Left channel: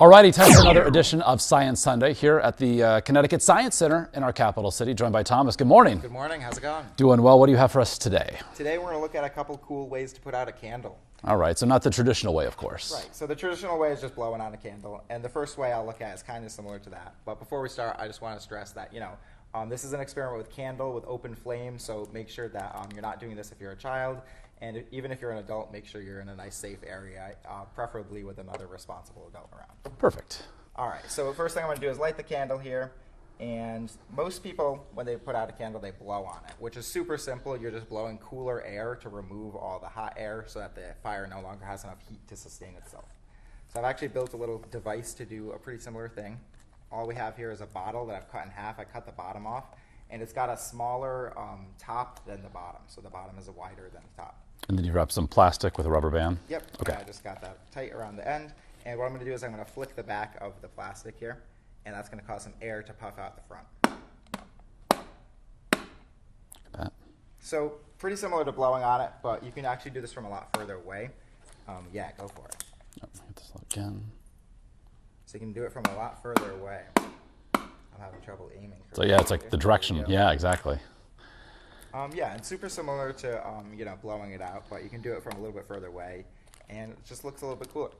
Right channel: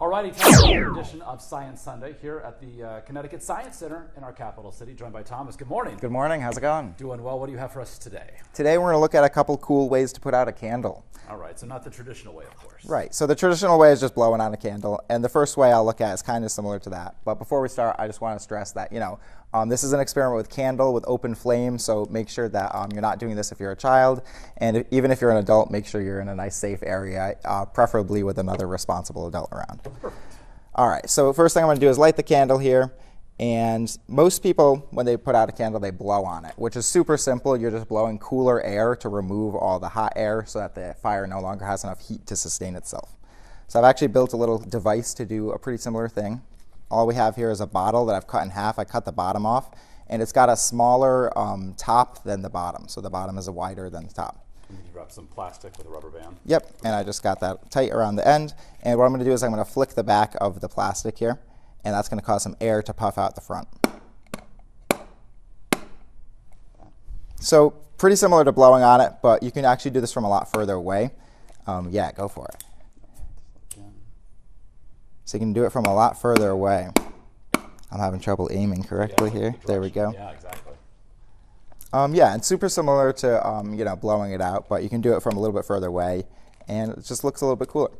Alrighty, time for another edition of Science Sunday here at the Connecticut Science Center in our capital city, joined by Thomas. Good morning. Good morning. How's it going? Doing well. What do you have for us today? Today we're going to look at a couple cool ways to put out a candle. All right, so not the traditional way, of course. Right. So the traditional way is just blowing out a candle, and the first way I'll look at is kind of similar to that. But before we start, I just want to stress that, this is an experiment with candle with open flame, so make sure that you're not doing this if you're a child, and even if you're an adult, make sure you're in a nice, safe area, preferably with another responsible adult around. Perfect. All right, so first thing I'm going to do is light the candle here, and most people, when they put out a candle, they blow on it, which is super simple. You're just blowing cooler air to remove all the hot air so that the fire no longer has enough heat to sustain itself. So I've actually built a little device to do a pretty similar thing. All we have here is a bottle that I've cut in half. I cut the bottom off, and it's got a smaller top than the bottom, so the bottom is wider than the top. And then you wrap some plastic with a rubber band? Yep, okay. And I just got that tight around the end. And what I'm going to do is I'm going to flick the back of the plastic here, and that's going to cause some air to puff out the front. So pretty similar to blowing on it, but you can actually do this from a lot further away. Yeah, go for it. Again. So you can do it from a lot further away. I'm having trouble aiming correctly so yeah, it's like here. The direction. Yeah, exactly. Yeah, and super similar to blowing it out, but you can do it from a little bit further away, and it just looks a little bit cooler.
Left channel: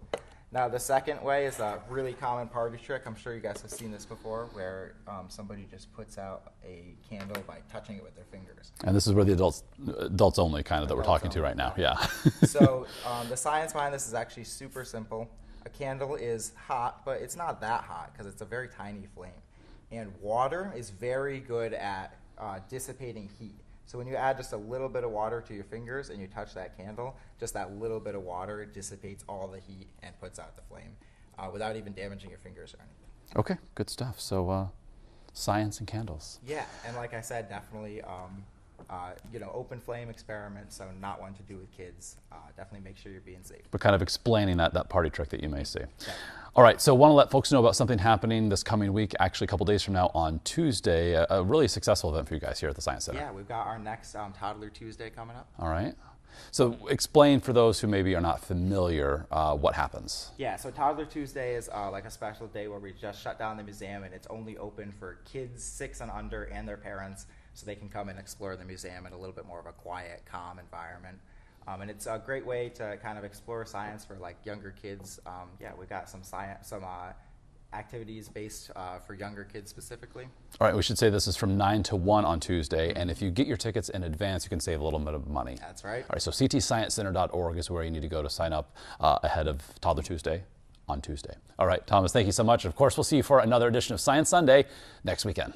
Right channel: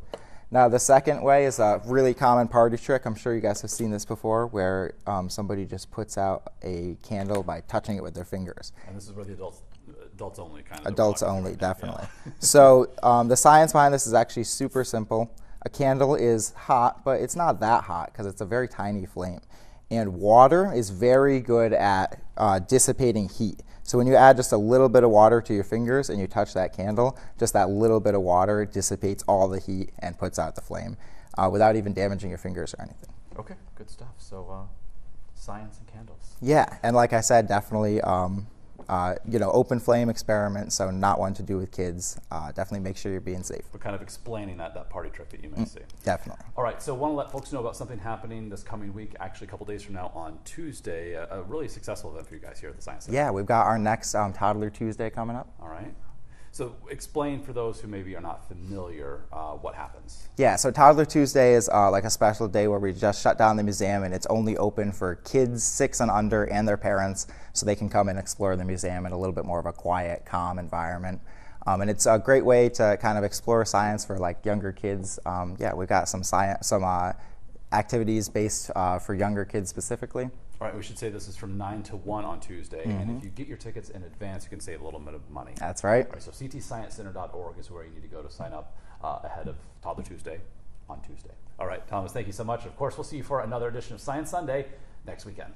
Now the second way is a really common party trick. I'm sure you guys have seen this before, where somebody just puts out a candle by touching it with their fingers. And this is where the adults only kind of that we're talking to right now. Definitely. Yeah. So the science behind this is actually super simple. A candle is hot, but it's not that hot because it's a very tiny flame. And water is very good at dissipating heat. So when you add just a little bit of water to your fingers and you touch that candle, just that little bit of water dissipates all the heat and puts out the flame without even damaging your fingers or anything. Okay, good stuff. So science and candles. Yeah, and like I said, definitely open flame experiment, so not one to do with kids. Definitely make sure you're being safe. But kind of explaining that party trick that you may see. Definitely. All right, so want to let folks know about something happening this coming week, actually a couple days from now on Tuesday, a really successful event for you guys here at the Science Center. Yeah, we've got our next Toddler Tuesday coming up. All right. So explain for those who maybe are not familiar what happens. Yeah, so Toddler Tuesday is like a special day where we just shut down the museum, and it's only open for kids 6 and under and their parents, so they can come and explore the museum in a little bit more of a quiet, calm environment. And it's a great way to kind of explore science for like younger kids. Yeah, we've got some activities based for younger kids specifically. All right, we should say this is from 9 to 1 on Tuesday, and if you get your tickets in advance, you can save a little bit of money. That's right. All right, so ctsciencecenter.org is where you need to go to sign up ahead of Toddler Tuesday on Tuesday. All right, Thomas, thank you so much. Of course, we'll see you for another edition of Science Sunday next weekend.